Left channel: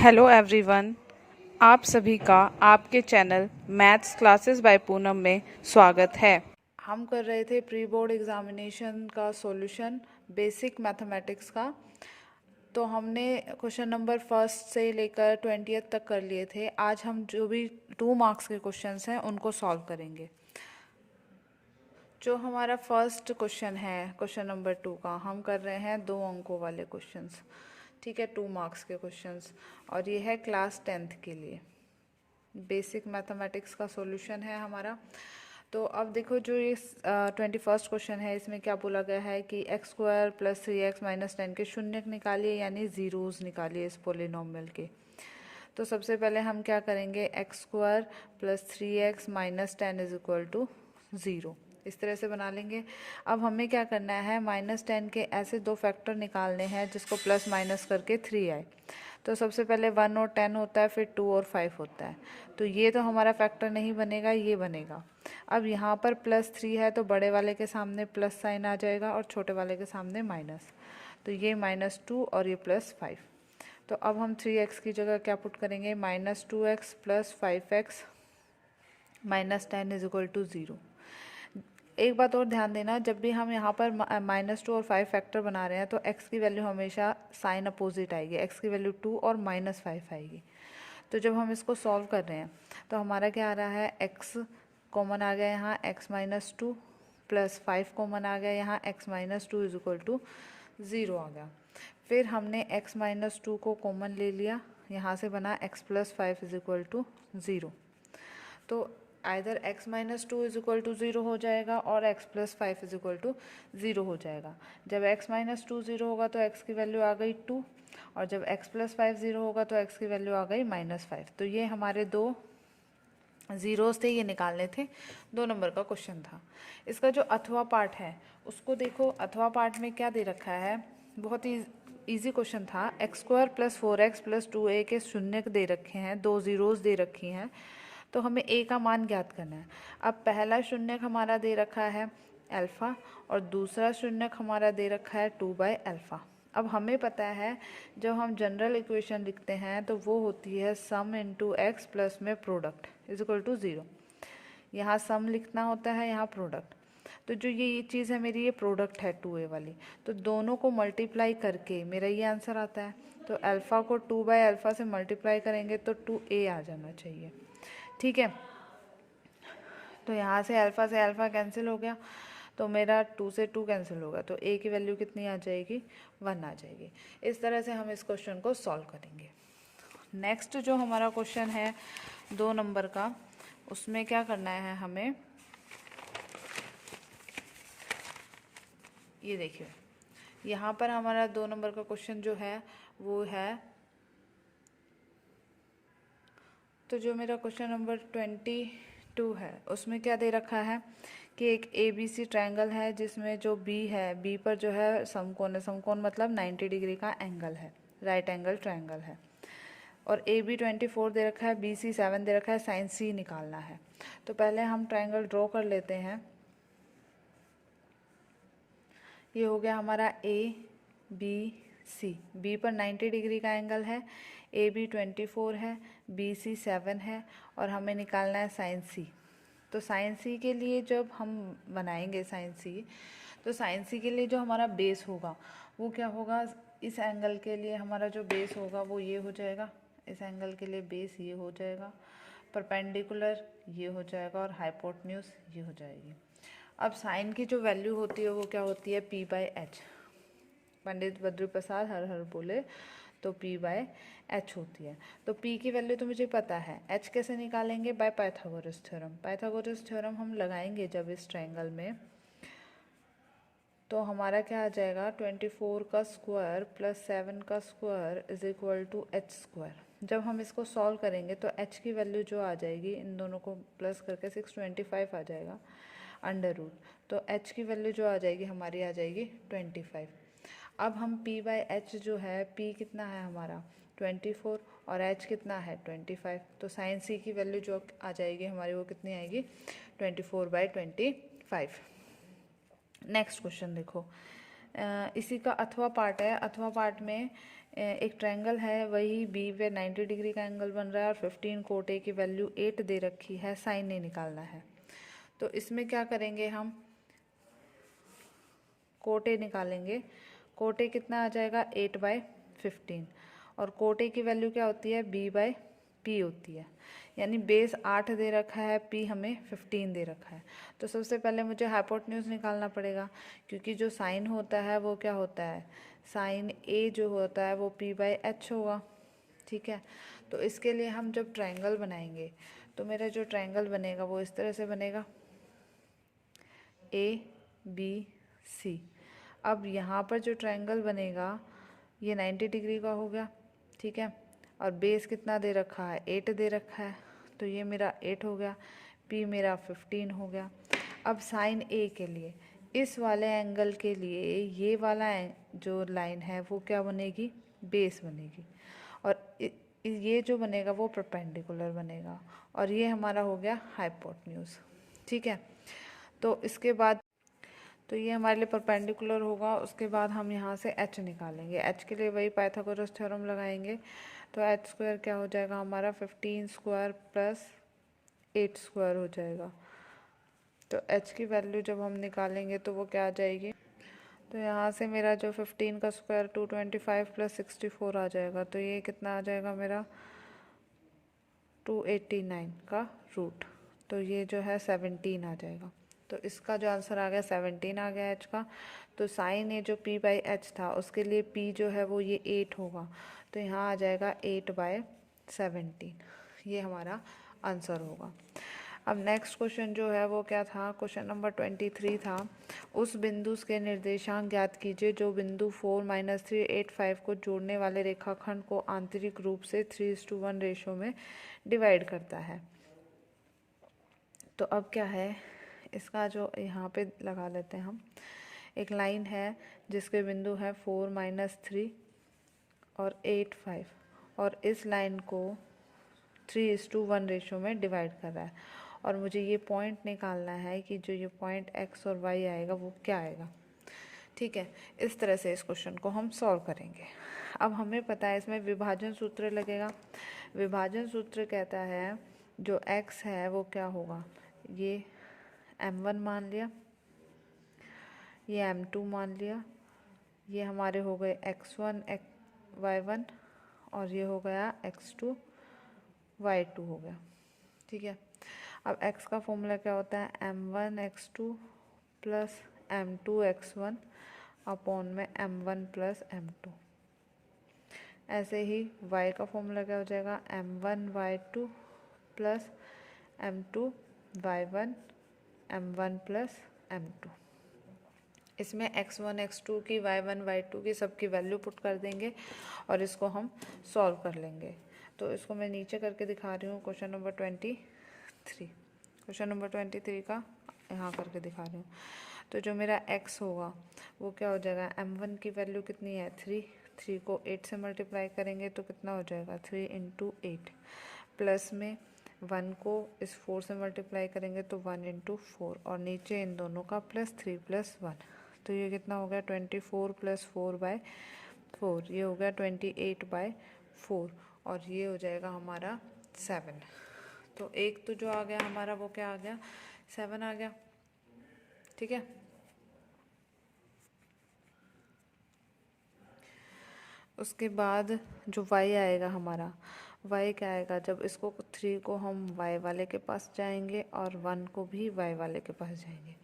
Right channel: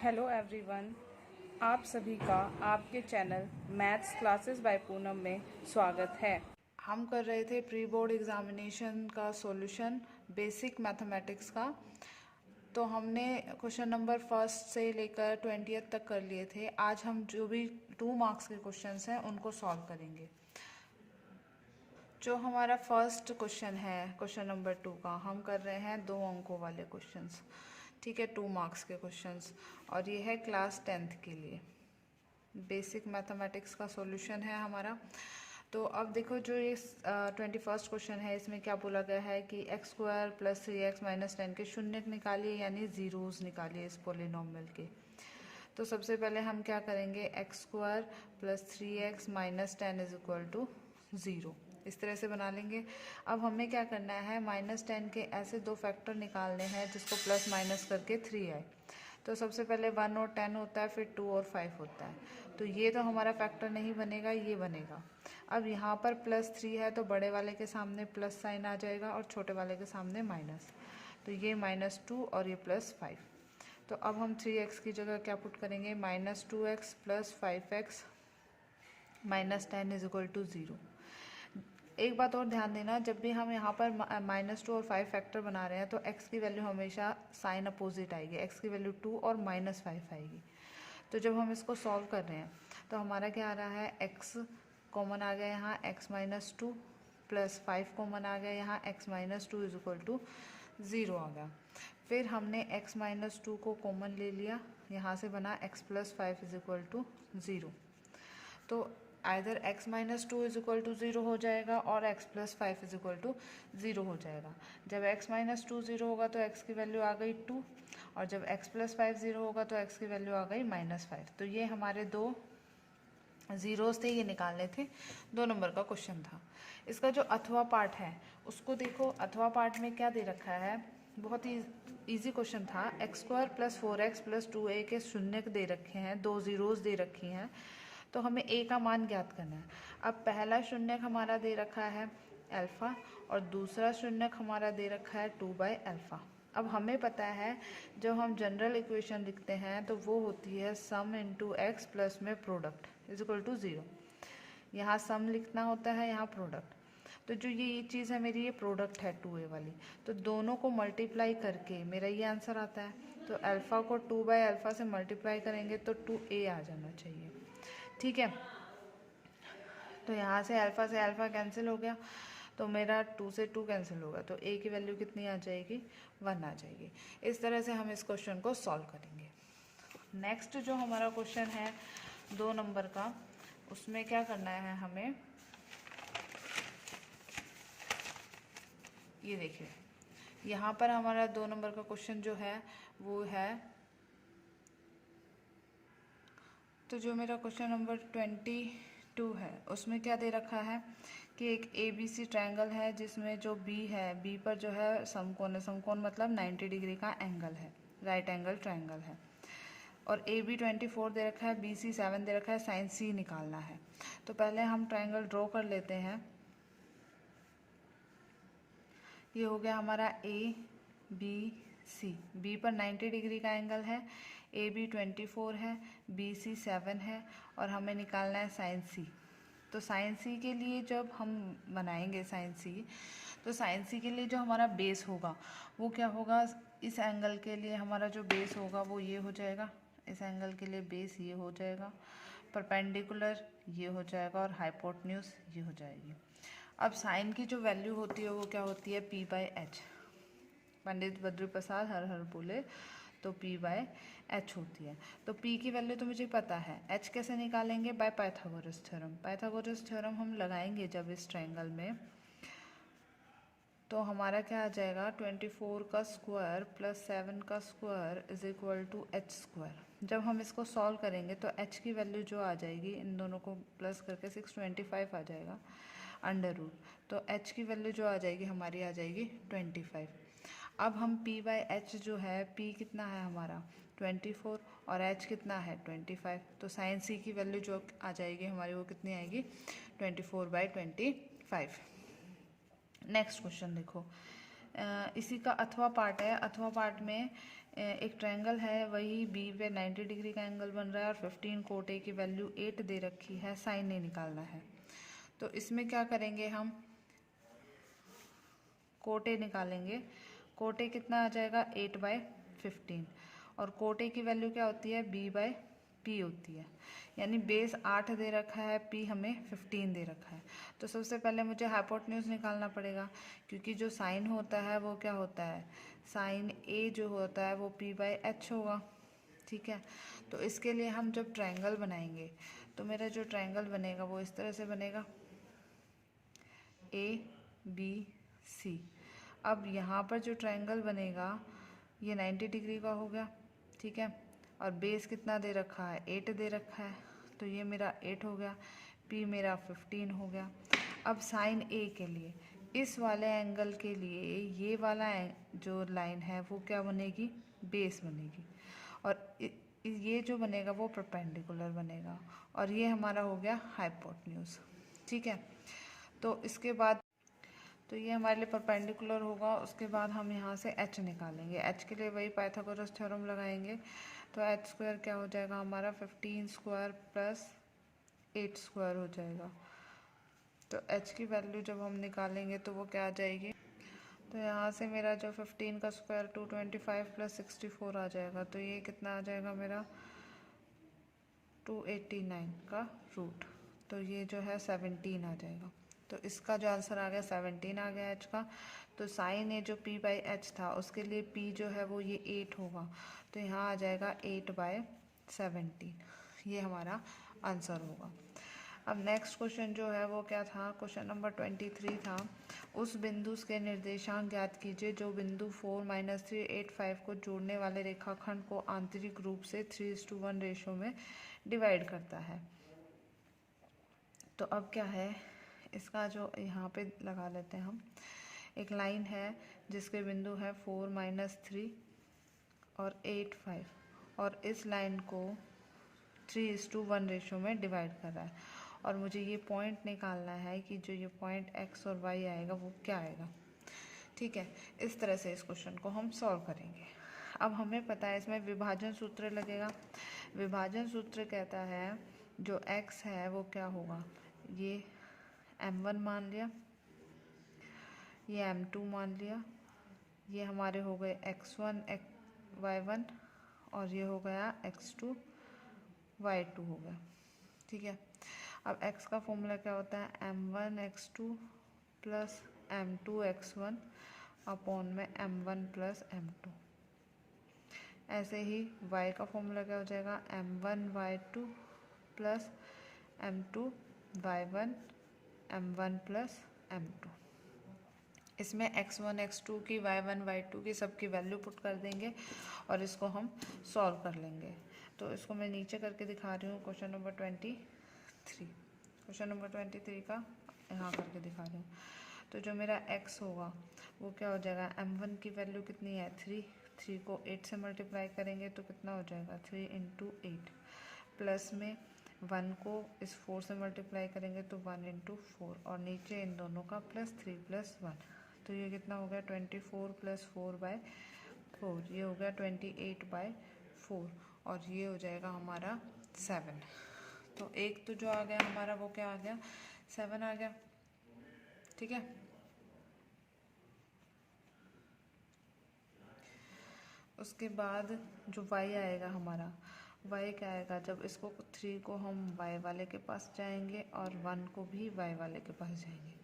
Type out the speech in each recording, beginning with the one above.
Hello everyone. आप सभी का आपके channel maths classes bye Poonam में स्वागत है। हम कर रहे थे प्री बोर्ड एग्जामिनेशन का सॉल्यूशन बेसिक मैथमेटिक्स का। तो हमने क्वेश्चन नंबर फर्स्ट से लेकर 20th तक कर लिए थे। आज हम जो भी 2 मार्क्स के क्वेश्चंस हैं उनको सॉल्व करेंगे। जो हमारा फर्स्ट क्वेश्चन है क्वेश्चन नंबर 2 का, हम कर रहे हैं 2 अंकों वाले क्वेश्चंस। ठीक है, 2 मार्क्स के क्वेश्चंस, और ये है क्लास 10th के लिए बेसिक मैथमेटिक्स का सॉल्यूशन है हमारा। तो अब देखो, जो ये 21st क्वेश्चन है, इसमें क्या बोला गया है कि x² + 3x - 10 के शून्यक निकालिए, यानी जीरोस निकालिए इस पोलिनोमियल के। तो सबसे पहले हम क्या करेंगे, x² + 3x - 10 = 0, इस तरह से बना लेंगे। अब हमें क्या करना है, -10 के ऐसे 2 फैक्टर निकालने हैं जिसको प्लस माइनस करके 3 आए। तो सबसे पहले 1 और 10 होता है, फिर 2 और 5 होता है। तो ये तो हमारा फैक्टर नहीं बनेगा, ये बनेगा। अब यहाँ पर +3 है तो बड़े वाले के सामने प्लस साइन आ जाएगा और छोटे वाले के सामने माइनस। तो ये -2 और ये +5। तो अब हम 3x की जगह क्या पुट करेंगे, -2x + 5x - 10 = 0। एक बात और ध्यान देना, जब भी हम यहाँ पर -2 और 5 फैक्टर बना रहे हैं तो x की वैल्यू हमेशा साइन अपोजिट आएगी। x की वैल्यू 2 और -5 आएगी। तो जब हम इसको सॉल्व कर रहे हैं तो हमारा क्या आ रहा है, x कॉमन आ गया यहाँ, x - 2 + 5 कॉमन आ गया यहाँ, x - 2 = 0 आ गया। फिर हमने x - 2 को कॉमन ले लिया, यहाँ से बना x + 5 = 0। तो आइदर x - 2 = 0 हो जाएगा और x + 5 = 0 हो जाएगा। जब x - 2 0 होगा तो x की वैल्यू आ गई 2, और जब x + 5 0 होगा तो x की वैल्यू आ गई -5। तो ये हमारे 2 ज़ीरोज़ थे, ये निकालने थे। 2 नंबर का क्वेश्चन था। इसका जो अथवा पार्ट है उसको देखो। अथवा पार्ट में क्या दे रखा है, बहुत ही ईजी क्वेश्चन था। x² + 4x + 2a के शून्यक दे रखे हैं, 2 ज़ीरोज़ दे रखी हैं, तो हमें a का मान ज्ञात करना है। अब पहला शून्यक हमारा दे रखा है अल्फ़ा और दूसरा शून्यक हमारा दे रखा है 2/α। अब हमें पता है जब हम जनरल इक्वेशन लिखते हैं तो वो होती है सम इंटू एक्स प्लस में प्रोडक्ट = 0। यहाँ सम लिखना होता है, यहाँ प्रोडक्ट। तो जो ये चीज़ है मेरी, ये प्रोडक्ट है 2a वाली, तो दोनों को मल्टीप्लाई करके मेरा ये आंसर आता है। तो अल्फ़ा को 2/α से मल्टीप्लाई करेंगे तो 2a आ जाना चाहिए। ठीक है, तो यहाँ से अल्फ़ा कैंसिल हो गया, तो मेरा 2 से 2 कैंसिल होगा, तो a की वैल्यू कितनी आ जाएगी, 1 आ जाएगी। इस तरह से हम इस क्वेश्चन को सॉल्व करेंगे। नेक्स्ट जो हमारा क्वेश्चन है 2 नंबर का, उसमें क्या करना है हमें, ये देखिए यहाँ पर हमारा 2 नंबर का क्वेश्चन जो है वो है, तो जो मेरा क्वेश्चन नंबर 22 है उसमें क्या दे रखा है कि एक ABC ट्रायंगल है जिसमें जो B है, B पर जो है समकोण है। समकोण मतलब 90 डिग्री का एंगल है, राइट एंगल ट्रायंगल है। और AB 24 दे रखा है, BC 7 दे रखा है, साइन C निकालना है। तो पहले हम ट्रायंगल ड्रॉ कर लेते हैं। ये हो गया हमारा ABC। B पर 90 डिग्री का एंगल है, AB 24 है, BC 7 है, और हमें निकालना है साइन C। तो साइन C के लिए जब हम बनाएंगे साइन C, तो साइन C के लिए जो हमारा बेस होगा वो क्या होगा, इस एंगल के लिए हमारा जो बेस होगा वो ये हो जाएगा, इस एंगल के लिए बेस ये हो जाएगा, परपेंडिकुलर ये हो जाएगा, और हाइपोटेन्यूज ये हो जाएगी। अब साइन की जो वैल्यू होती है वो क्या होती है, p/h। पंडित बद्री प्रसाद हर हर बोले, तो p/h होती है। तो p की वैल्यू तो मुझे पता है, h कैसे निकालेंगे, by Pythagoras theorem. Pythagoras theorem हम लगाएंगे जब इस ट्रायंगल में, तो हमारा क्या आ जाएगा, 24 का स्क्वायर + 7 का स्क्वायर = h²। जब हम इसको सॉल्व करेंगे तो h की वैल्यू जो आ जाएगी, इन दोनों को प्लस करके 625 आ जाएगा √। तो h की वैल्यू जो आ जाएगी हमारी आ जाएगी 25। अब हम p/h जो है, p कितना है हमारा 24 और h कितना है 25, तो साइन c की वैल्यू जो आ जाएगी हमारी वो कितनी आएगी, 24/25। नेक्स्ट क्वेश्चन देखो, इसी का अथवा पार्ट है। अथवा पार्ट में एक ट्रायंगल है, वही बी पे 90 डिग्री का एंगल बन रहा है और 15 कोट ए की वैल्यू 8 दे रखी है, साइन ए निकालना है। तो इसमें क्या करेंगे, हम कोट ए निकालेंगे। कोट ए कितना आ जाएगा 8/15 और कोट ए की वैल्यू क्या होती है b/p होती है, यानी बेस 8 दे रखा है, p हमें 15 दे रखा है। तो सबसे पहले मुझे हाइपोटेन्यूज निकालना पड़ेगा, क्योंकि जो साइन होता है वो क्या होता है, साइन a जो होता है वो p/h होगा। ठीक है, तो इसके लिए हम जब ट्रायंगल बनाएंगे तो मेरा जो ट्रायंगल बनेगा वो इस तरह से बनेगा ABC। अब यहाँ पर जो ट्रायंगल बनेगा ये 90 डिग्री का हो गया। ठीक है, और बेस कितना दे रखा है 8 दे रखा है, तो ये मेरा 8 हो गया, P मेरा 15 हो गया। अब साइन A के लिए इस वाले एंगल के लिए ये वाला जो लाइन है वो क्या बनेगी, बेस बनेगी, और ये जो बनेगा वो परपेंडिकुलर बनेगा, और ये हमारा हो गया हाइपोटेन्यूज। ठीक है, तो इसके बाद तो ये हमारे लिए परपेंडिकुलर होगा। उसके बाद हम यहाँ से h निकालेंगे। h के लिए वही पाइथागोरस थ्योरम लगाएंगे, तो h स्क्वायर क्या हो जाएगा हमारा 15 स्क्वायर प्लस 8 स्क्वायर हो जाएगा। तो h की वैल्यू जब हम निकालेंगे तो वो क्या आ जाएगी, तो यहाँ से मेरा जो 15 का स्क्वायर 225 प्लस 64 आ जाएगा, तो ये कितना आ जाएगा मेरा 289 का रूट, तो ये जो है 17 आ जाएगा। तो इसका जो आंसर आ गया 17 आ गया h का। तो साइन ए जो p/h था उसके लिए p जो है वो ये 8 होगा, तो यहाँ आ जाएगा 8/17, ये हमारा आंसर होगा। अब नेक्स्ट क्वेश्चन जो है वो क्या था, क्वेश्चन नंबर 23 था। उस बिंदु के निर्देशांक ज्ञात कीजिए जो बिंदु 4 - 3 8 5 को जोड़ने वाले रेखाखंड को आंतरिक रूप से 3:1 रेशो में डिवाइड करता है। तो अब क्या है, इसका जो यहाँ पे लगा लेते हैं हम, एक लाइन है जिसके बिंदु है 4 - 3 और 8 5, और इस लाइन को 3:1 रेशो में डिवाइड कर रहा है, और मुझे ये पॉइंट निकालना है कि जो ये पॉइंट x और y आएगा वो क्या आएगा। ठीक है, इस तरह से इस क्वेश्चन को हम सॉल्व करेंगे। अब हमें पता है इसमें विभाजन सूत्र लगेगा। विभाजन सूत्र कहता है जो x है वो क्या होगा, ये m1 मान लिया, ये m2 मान लिया, ये हमारे हो गए x1 y1 और ये हो गया x2 y2 हो गया। ठीक है, अब x का फॉर्मूला क्या होता है, m1 x2 plus m2 x1 upon में m1 प्लस m2। ऐसे ही y का फॉर्मूला क्या हो जाएगा, m1 y2 plus m2 y1 m1 plus m2। इसमें x1 x2 की y1 y2 की सबकी वैल्यू पुट कर देंगे और इसको हम सॉल्व कर लेंगे। तो इसको मैं नीचे करके दिखा रही हूँ, क्वेश्चन नंबर 23, क्वेश्चन नंबर 23 का यहाँ करके दिखा रही हूँ। तो जो मेरा x होगा वो क्या हो जाएगा, m1 की वैल्यू कितनी है 3 को 8 से मल्टीप्लाई करेंगे तो कितना हो जाएगा 3 × 8, प्लस में 1 को इस 4 से मल्टीप्लाई करेंगे तो 1 × 4, और नीचे इन दोनों का प्लस 3 + 1, तो ये कितना हो गया 24 + 4/4, ये हो गया 28/4, और ये हो जाएगा हमारा 7। तो एक तो जो आ गया हमारा वो क्या आ गया 7 आ गया। ठीक है, उसके बाद जो y आएगा हमारा, y क्या आएगा, जब इसको 3 को हम y वाले के पास जाएंगे और 1 को भी y वाले के पास जाएंगे,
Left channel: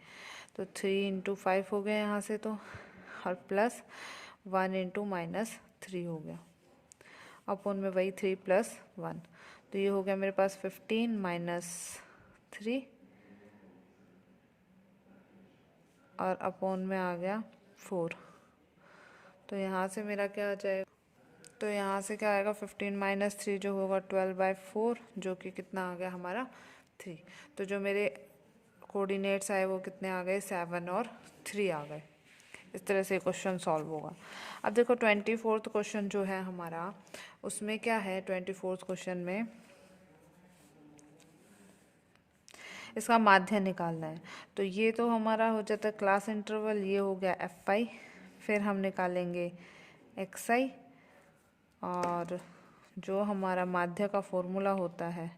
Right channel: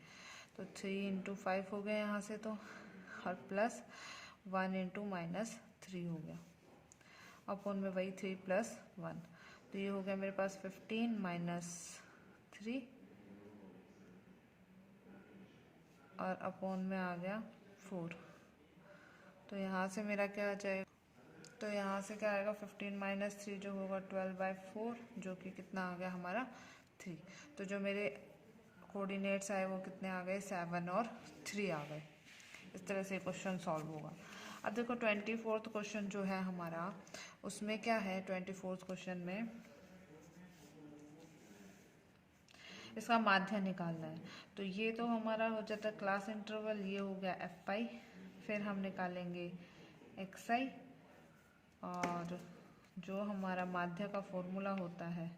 तो 3 × 5 हो गया यहाँ से, तो और प्लस 1 × -3 हो गया, अपॉन में वही 3 + 1, तो ये हो गया मेरे पास 15 - 3 और अपॉन में आ गया 4। तो यहाँ से मेरा क्या आ जाएगा, तो यहाँ से क्या आएगा 15 - 3 जो होगा 12/4, जो कि कितना आ गया हमारा 3। तो जो मेरे कोऑर्डिनेट्स आए वो कितने आ गए 7 और 3 आ गए। इस तरह से क्वेश्चन सॉल्व होगा। अब देखो 24th क्वेश्चन जो है हमारा, उसमें क्या है 24th क्वेश्चन में इसका माध्य निकालना है। तो ये तो हमारा हो जाता है क्लास इंटरवल, ये हो गया FI, फिर हम निकालेंगे XI, और जो हमारा माध्य का फॉर्मूला होता है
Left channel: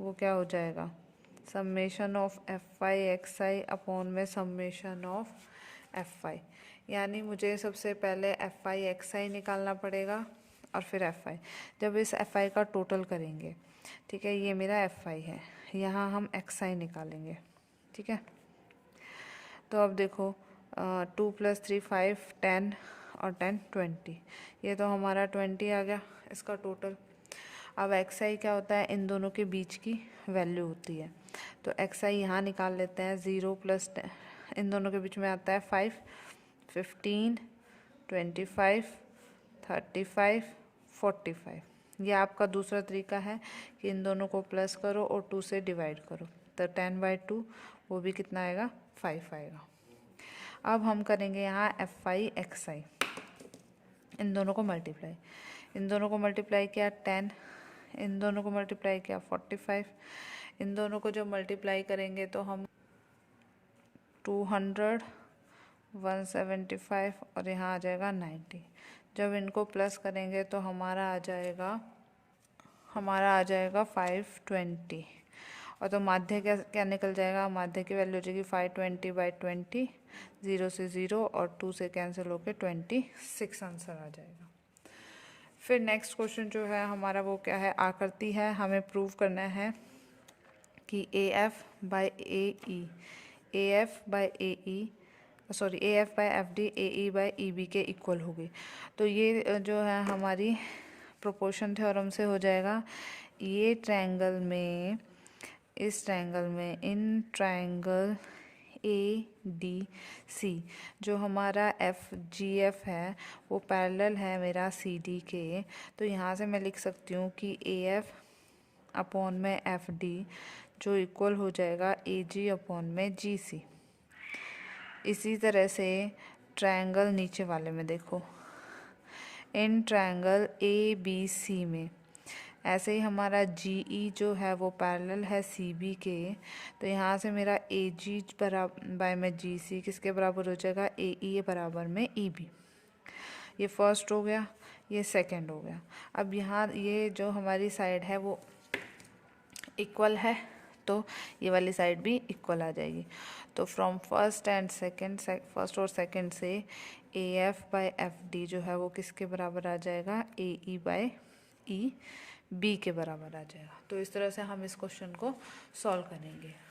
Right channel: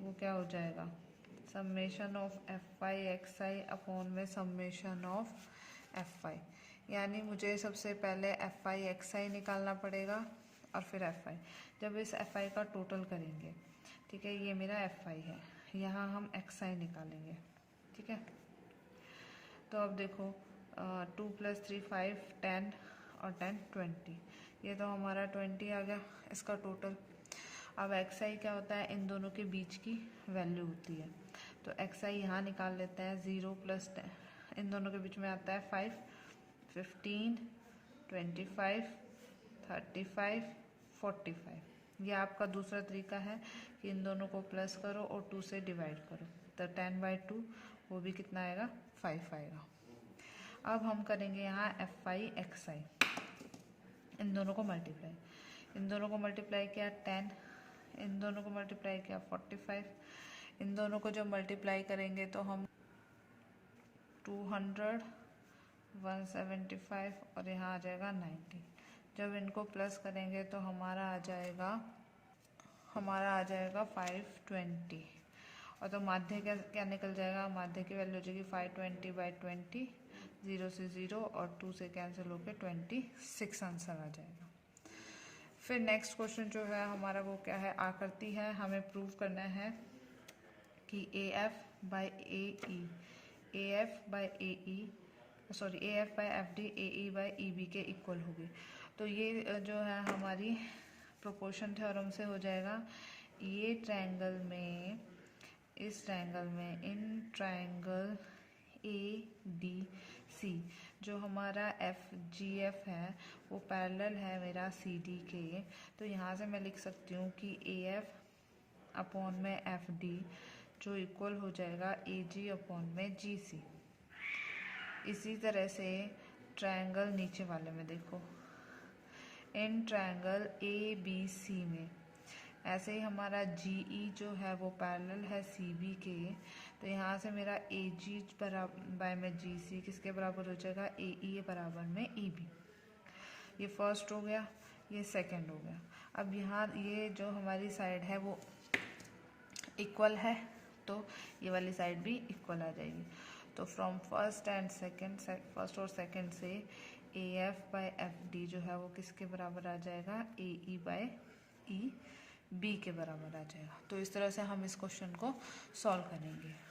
वो क्या हो जाएगा, summation of F I x I upon में समेशन ऑफ एफ आई। यानी मुझे सबसे पहले एफ आई एक्स आई निकालना पड़ेगा और फिर एफ आई। जब इस एफ आई का टोटल करेंगे, ठीक है, ये मेरा एफ आई है, यहाँ हम एक्स आई निकालेंगे, ठीक है। तो अब देखो 2 + 3 5 10 और 10 20, ये तो हमारा 20 आ गया इसका टोटल। अब एक्स आई क्या होता है, इन दोनों के बीच की वैल्यू होती है, तो एक्स आई यहाँ निकाल लेते हैं। 0 + 10 इन दोनों के बीच में आता है 5, 15, 25, 35, 45। ये आपका दूसरा तरीका है कि इन दोनों को प्लस करो और 2 से डिवाइड करो, तो 10/2 वो भी कितना आएगा, 5 आएगा। अब हम करेंगे यहाँ एफ आई एक्स आई, इन दोनों को मल्टीप्लाई, इन दोनों को मल्टीप्लाई किया 10, इन दोनों को मल्टीप्लाई किया 45, इन दोनों को जो मल्टीप्लाई करेंगे तो हम 200, 175 और यहाँ आ जाएगा 90। जब इनको प्लस करेंगे तो हमारा आ जाएगा 520, और तो माध्य क्या निकल जाएगा, माध्य की वैल्यू हो जाएगी 520/20, 0 से 0 और 2 से कैंसिल होकर 26 आंसर आ जाएगा। फिर नेक्स्ट क्वेश्चन जो है हमारा वो क्या है, आकृति है, हमें प्रूव करना है कि AF/AE AE/FD के इक्वल होगी। तो ये जो है हमारी प्रोपोर्शन थ्योरम से हो जाएगा। ये ट्रायंगल में, इस ट्रायंगल में, इन ट्रायंगल ADC जो हमारा FGF है वो पैरेलल है मेरा CD के। तो यहाँ से मैं लिख सकती हूँ कि AF अपॉन में FD जो इक्वल हो जाएगा AG अपॉन में GC। इसी तरह से ट्रायंगल नीचे वाले में देखो, इन ट्रायंगल ABC में ऐसे ही हमारा GE जो है वो पैरेलल है CB के। तो यहाँ से मेरा AG बाय में GC किसके बराबर हो जाएगा, AE बराबर में EB। ये फर्स्ट हो गया, ये सेकंड हो गया। अब यहाँ ये जो हमारी साइड है वो इक्वल है, तो ये वाली साइड भी इक्वल आ जाएगी। तो फ्रॉम फर्स्ट और सेकंड से AF/FD जो है वो किसके बराबर आ जाएगा, AE/EB के बराबर आ जाएगा। तो इस तरह से हम इस क्वेश्चन को सॉल्व करेंगे।